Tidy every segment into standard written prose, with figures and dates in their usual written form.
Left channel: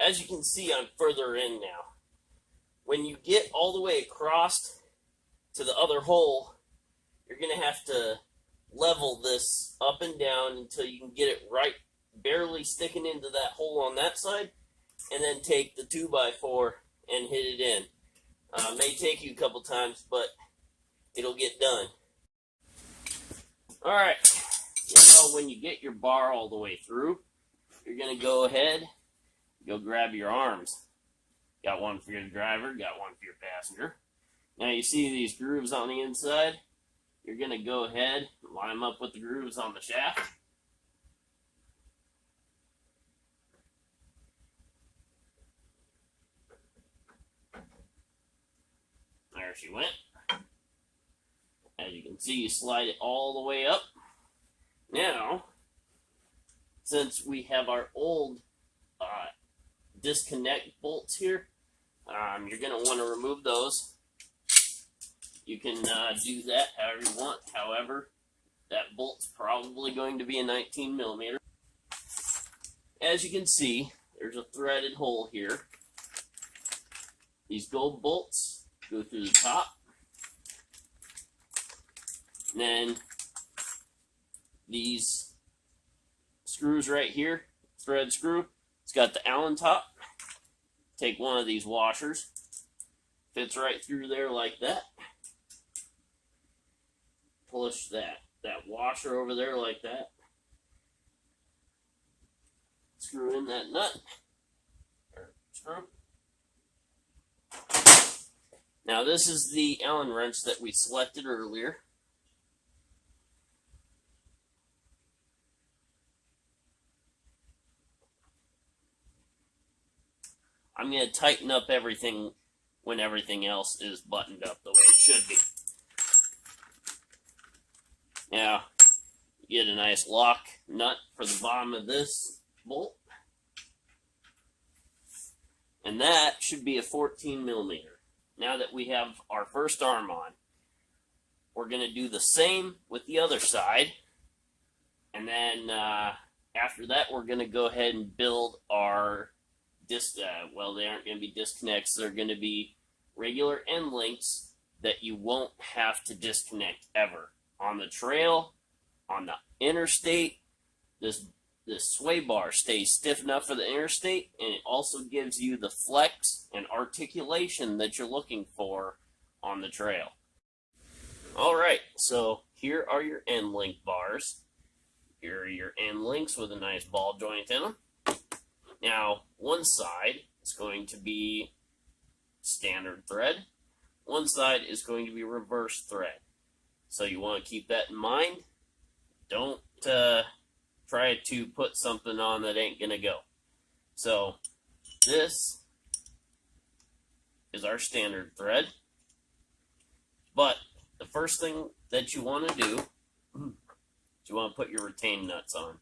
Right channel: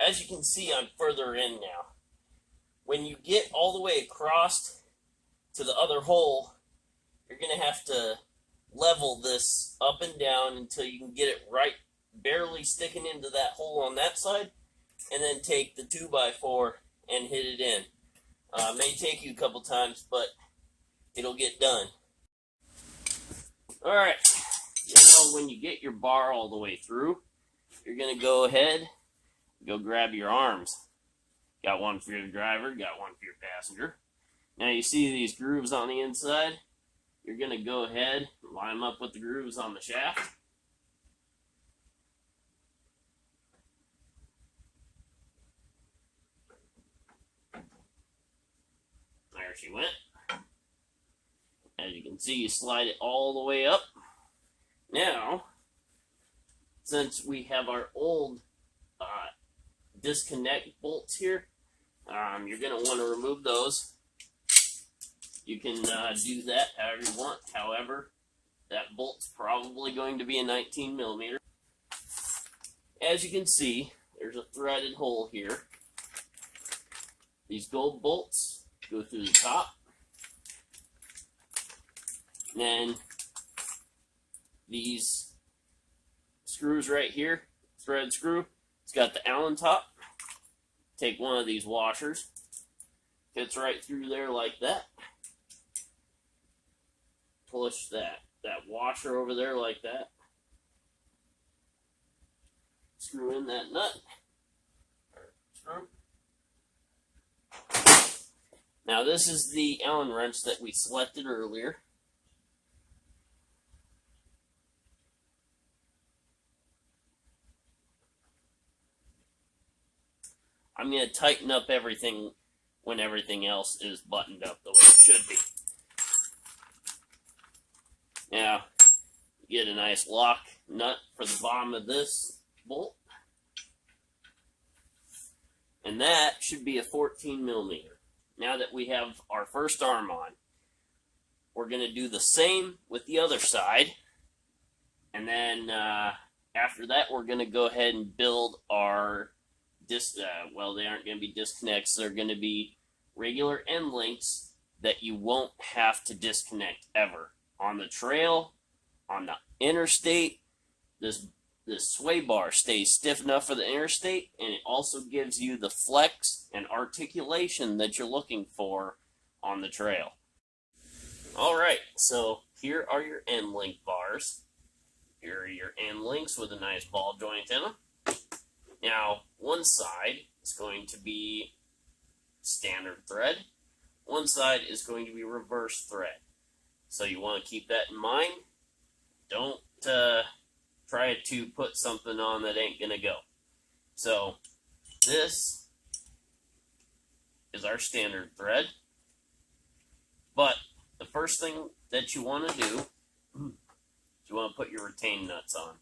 as you can see, I'm further in now. When you get all the way across to the other hole, you're going to have to level this up and down until you can get it right, barely sticking into that hole on that side, and then take the 2x4 and hit it in. May take you a couple times, but it'll get done. All right, now when you get your bar all the way through, you're going to go ahead, go grab your arms. Got one for your driver, got one for your passenger. Now you see these grooves on the inside. You're going to go ahead and line them up with the grooves on the shaft. There she went. As you can see, you slide it all the way up. Now, since we have our old disconnect bolts here, you're going to want to remove those. You can do that however you want. However, that bolt's probably going to be a 19 millimeter. As you can see, there's a threaded hole here. These gold bolts go through the top. And then these screws right here, thread screw, it's got the Allen top. Take one of these washers, fits right through there like that. Push that washer over there like that. Screw in that nut, or screw. Now this is the Allen wrench that we selected earlier. I'm going to tighten up everything when everything else is buttoned up the way it should be. Now, you get a nice lock nut for the bottom of this bolt. And that should be a 14 millimeter. Now that we have our first arm on, we're going to do the same with the other side. And then after that, we're going to go ahead and build our well, they aren't going to be disconnects. They're going to be regular end links that you won't have to disconnect ever. On the trail, on the interstate, this sway bar stays stiff enough for the interstate, and it also gives you the flex and articulation that you're looking for on the trail. All right, so here are your end link bars. Here are your end links with a nice ball joint in them. Now, one side is going to be standard thread. One side is going to be reverse thread. So you want to keep that in mind. Don't try to put something on that ain't going to go. So this is our standard thread. But the first thing that you want to do is you want to put your retain nuts on.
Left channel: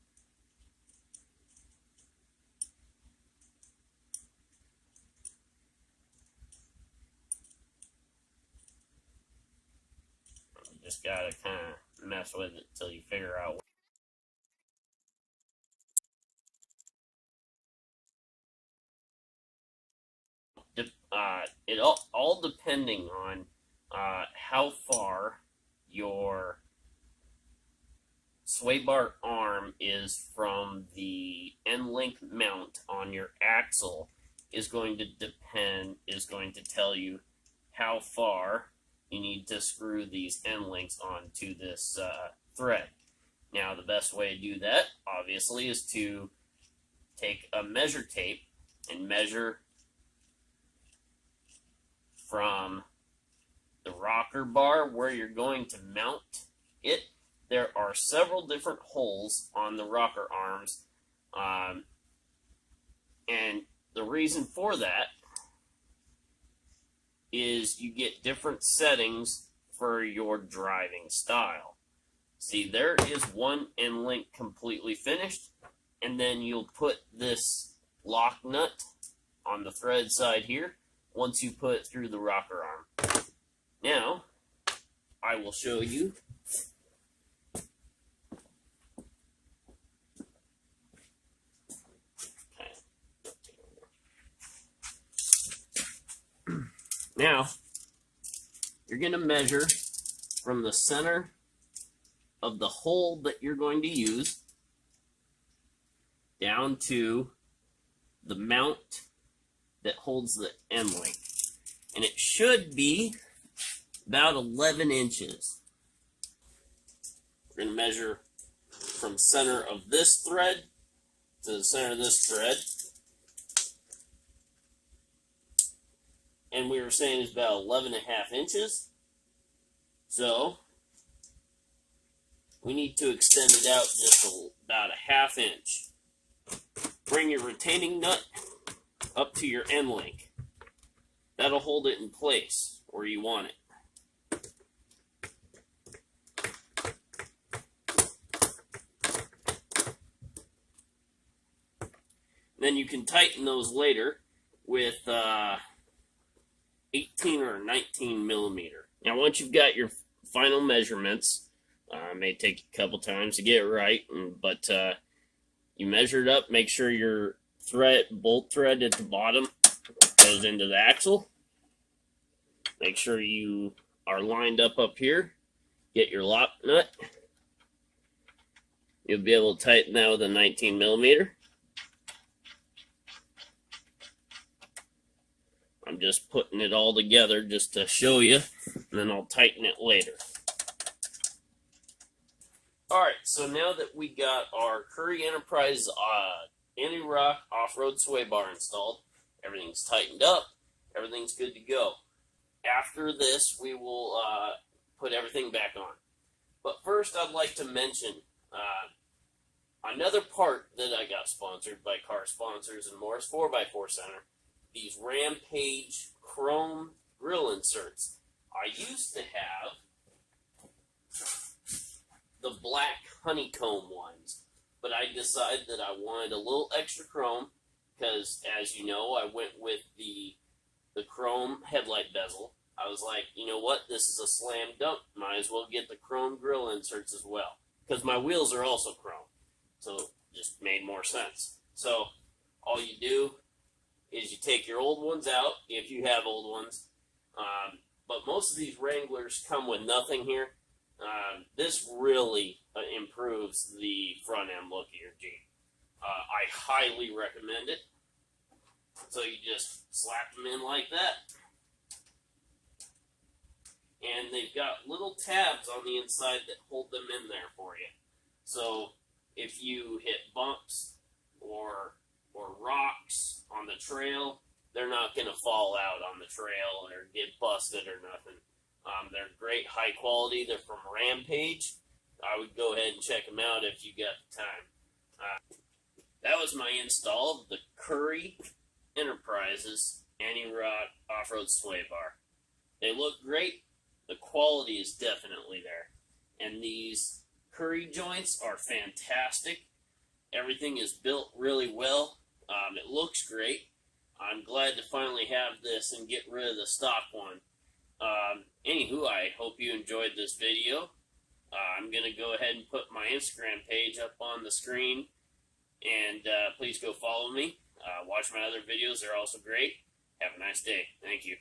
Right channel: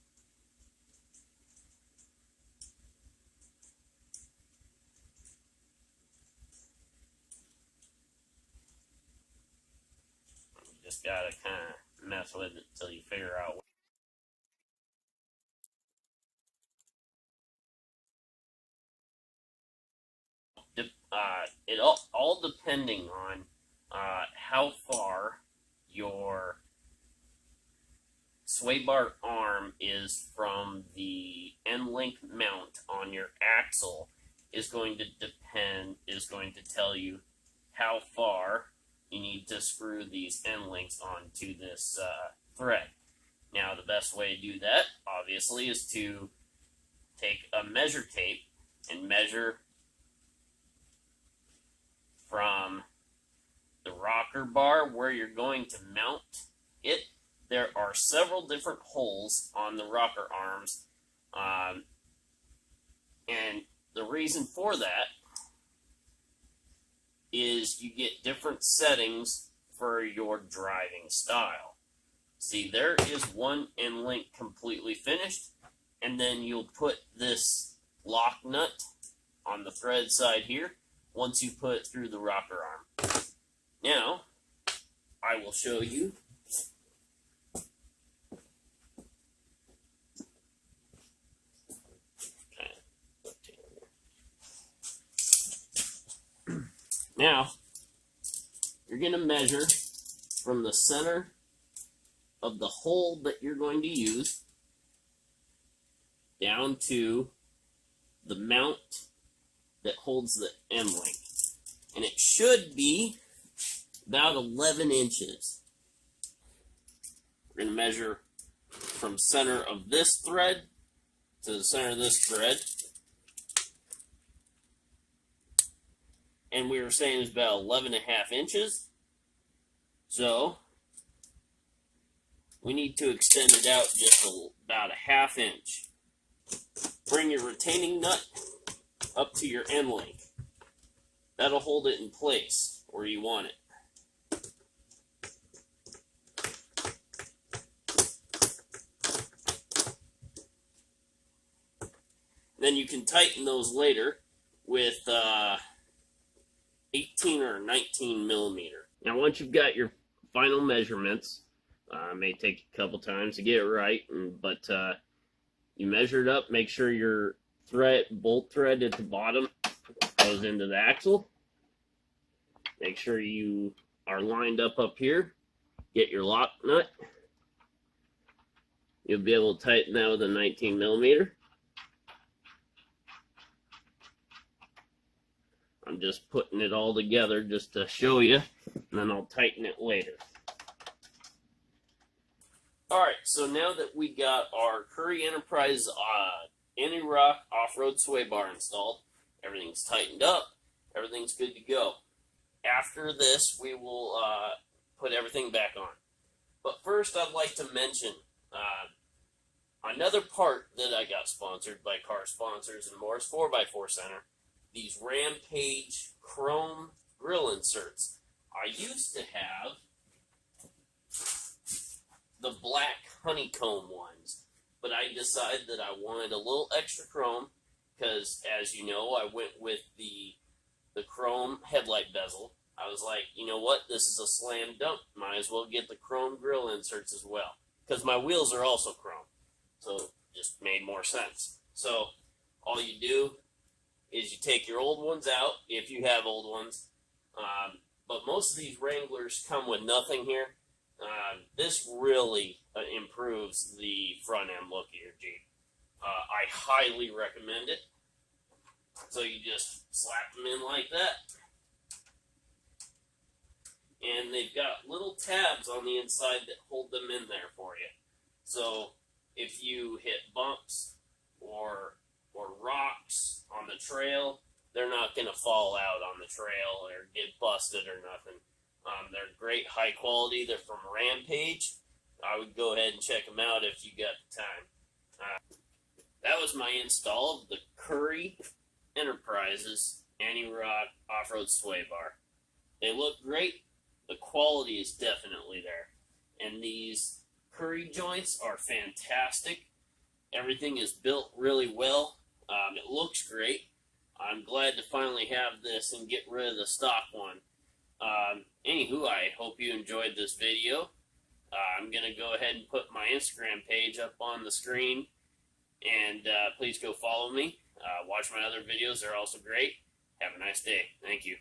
Just gotta kind of mess with it until you figure out. It all depending on how far your sway bar arm is from the end link mount on your axle is going to tell you how far you need to screw these end links onto this thread. Now, the best way to do that, obviously, is to take a measure tape and measure from the rocker bar where you're going to mount it. There are several different holes on the rocker arms, and the reason for that is you get different settings for your driving style. See, there is one end link completely finished, and then you'll put this lock nut on the thread side here once you put it through the rocker arm. Now, I will show you Now, you're going to measure from the center of the hole that you're going to use down to the mount that holds the end link. And it should be about 11 inches. We're going to measure from center of this thread to the center of this thread. And we were saying it's about 11.5 inches. So we need to extend it out just about a ½ inch. Bring your retaining nut up to your end link. That'll hold it in place where you want it. Then you can tighten those later with 18 or 19 millimeter. Now, once you've got your final measurements, it may take a couple times to get it right, but you measure it up, make sure your bolt thread at the bottom goes into the axle. Make sure you are lined up here. Get your lock nut. You'll be able to tighten that with a 19 millimeter. I'm just putting it all together just to show you, and then I'll tighten it later. Alright, so now that we got our Currie Enterprise Antirock off-road sway bar installed, everything's tightened up, everything's good to go. After this, we will put everything back on. But first, I'd like to mention another part that I got sponsored by Car Sponsors and Morris 4x4 Center. These Rampage chrome grill inserts. I used to have the black honeycomb ones, but I decided that I wanted a little extra chrome because, as you know, I went with the chrome headlight bezel. I was like, you know what, this is a slam dunk. Might as well get the chrome grill inserts as well, because my wheels are also chrome, so it just made more sense. So all you do is you take your old ones out, if you have old ones, but most of these Wranglers come with nothing here. This really improves the front end look of your Jeep. I highly recommend it. So you just slap them in like that. And they've got little tabs on the inside that hold them in there for you. So if you hit bumps or rocks on the trail, they're not going to fall out on the trail or get busted or nothing. They're great, high quality. They're from Rampage. I would go ahead and check them out if you got the time. That was my install of the Currie Enterprises Antirock off-road sway bar. They look great. The quality is definitely there. And these Currie joints are fantastic. Everything is built really well. It looks great. I'm glad to finally have this and get rid of the stock one. Anywho, I hope you enjoyed this video. I'm going to go ahead and put my Instagram page up on the screen. And please go follow me. Watch my other videos. They're also great. Have a nice day. Thank you.